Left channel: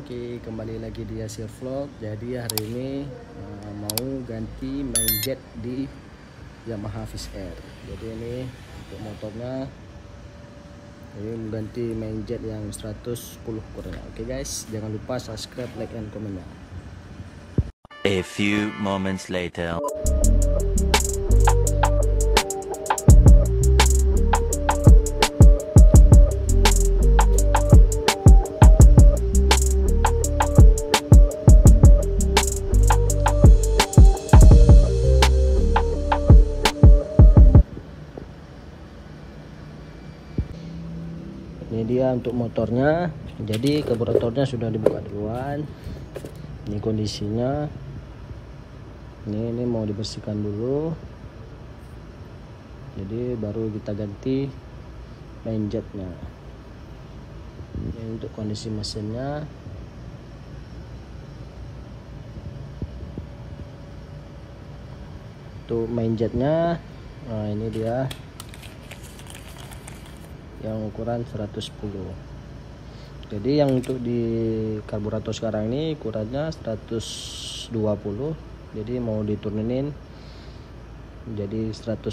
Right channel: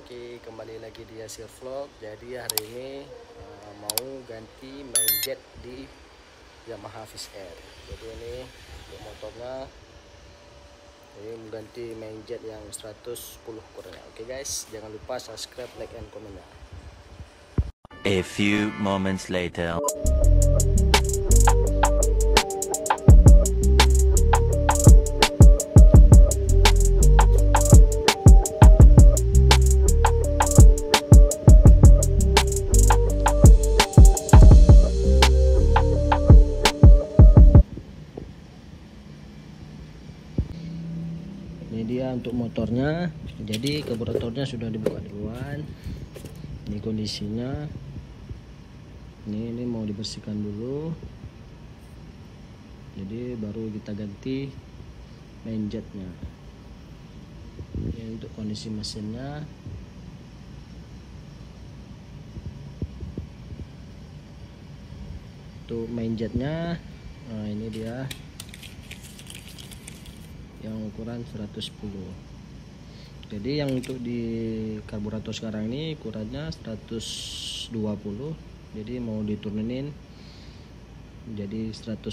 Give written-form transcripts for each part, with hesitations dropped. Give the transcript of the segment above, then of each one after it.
Oke, kembali lagi di Yasir Vlog. Jadi hari ini mau ganti main jet di Yamaha Fish Air. Jadi ini untuk motornya, ini mengganti main jet yang 110 kurangnya. Oke guys, jangan lupa subscribe, like, and comment. A few moments later. Ini dia untuk motornya. Jadi karburatornya sudah dibuka duluan. Ini kondisinya. Ini mau dibersihkan dulu. Jadi baru kita ganti main jetnya. Ini untuk kondisi mesinnya. Untuk main jetnya, nah ini dia yang ukuran 110. Jadi yang untuk di karburator sekarang ini ukurannya 120, jadi mau diturunin jadi 110.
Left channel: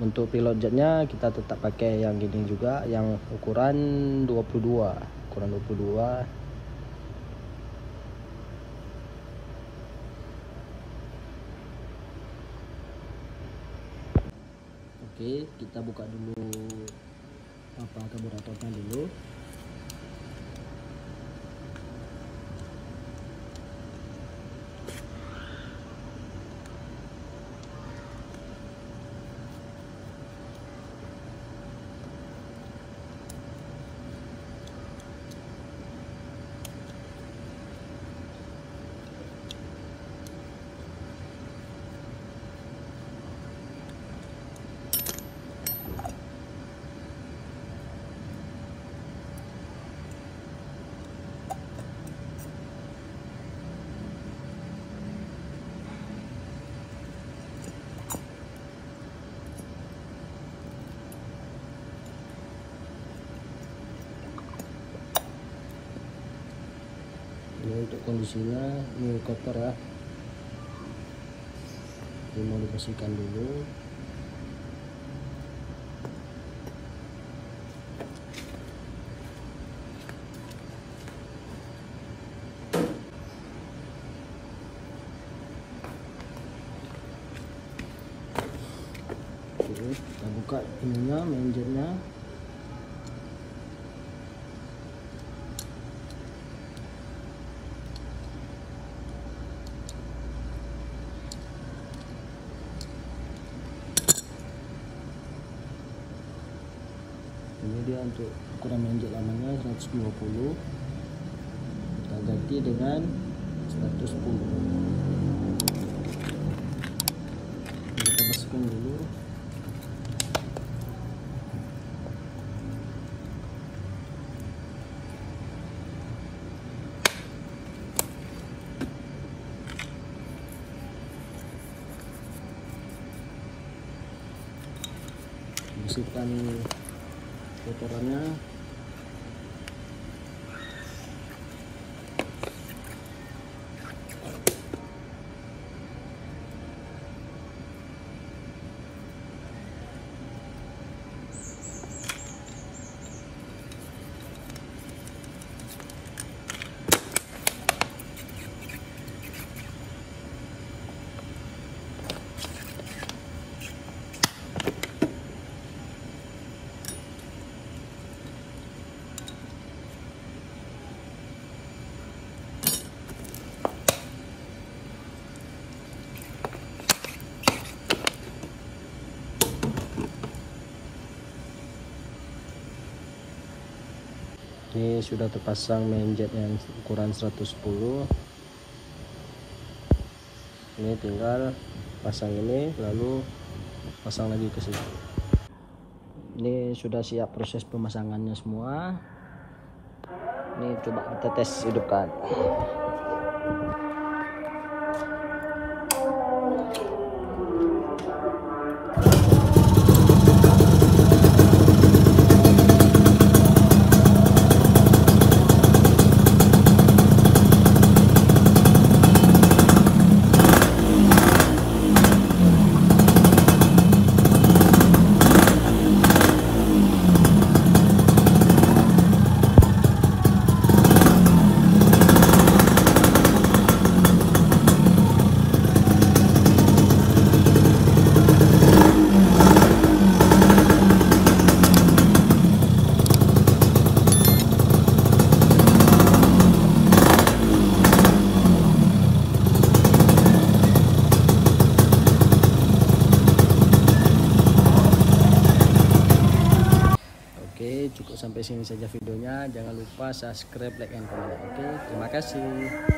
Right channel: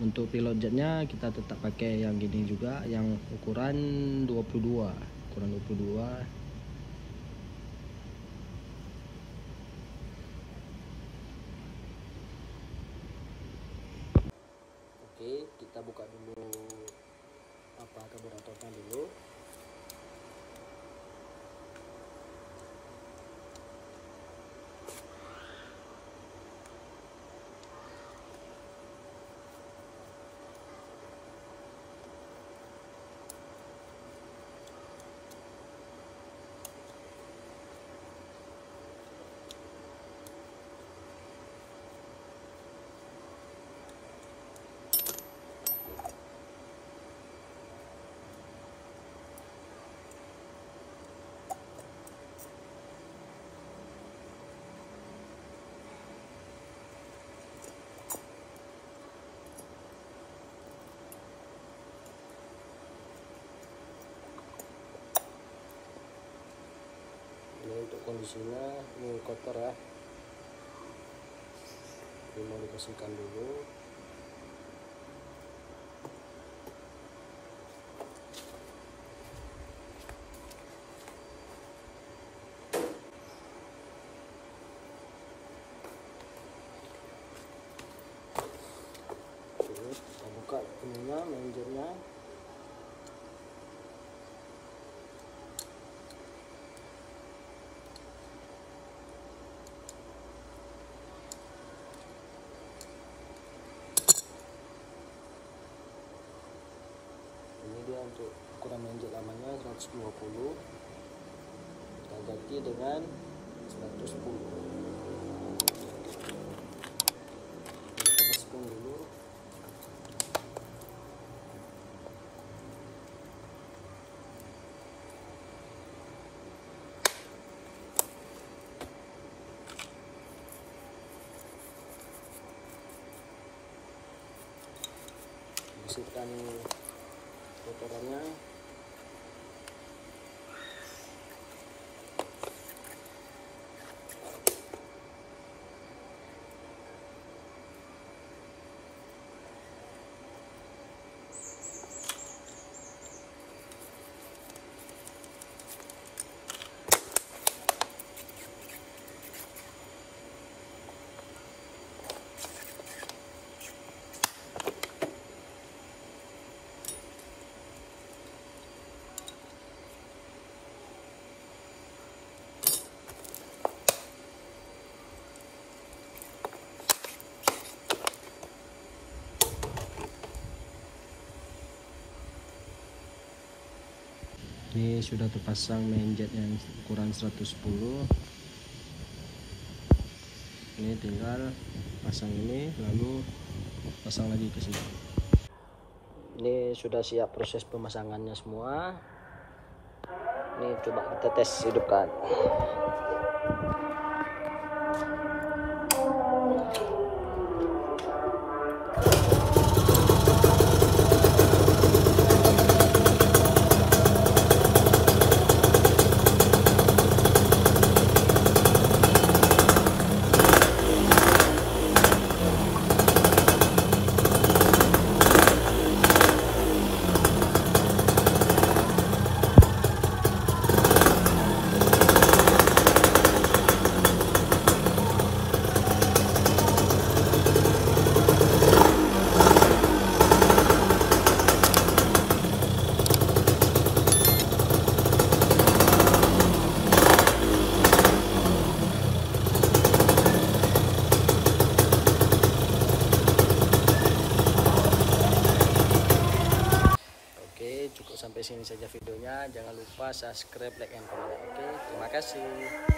Untuk pilot jetnya kita tetap pakai yang gini juga, yang ukuran 22, ukuran 22. Oke, kita buka dulu karburatornya dulu. Ini untuk kondisinya, ini kotor ya, ini mau dibersihkan dulu. Oke, kita buka ininya, main jetnya. Ini dia untuk ukuran main jet lamanya 120, kita ganti dengan 110. Kita bersihkan dulu. Bersihkan kotorannya. Ini sudah terpasang main jet yang ukuran 110. Ini tinggal pasang ini, lalu pasang lagi ke sini. Ini sudah siap proses pemasangannya semua. Ini coba kita tes hidupkan. lupa subscribe, like, and comment. Oke, terima kasih.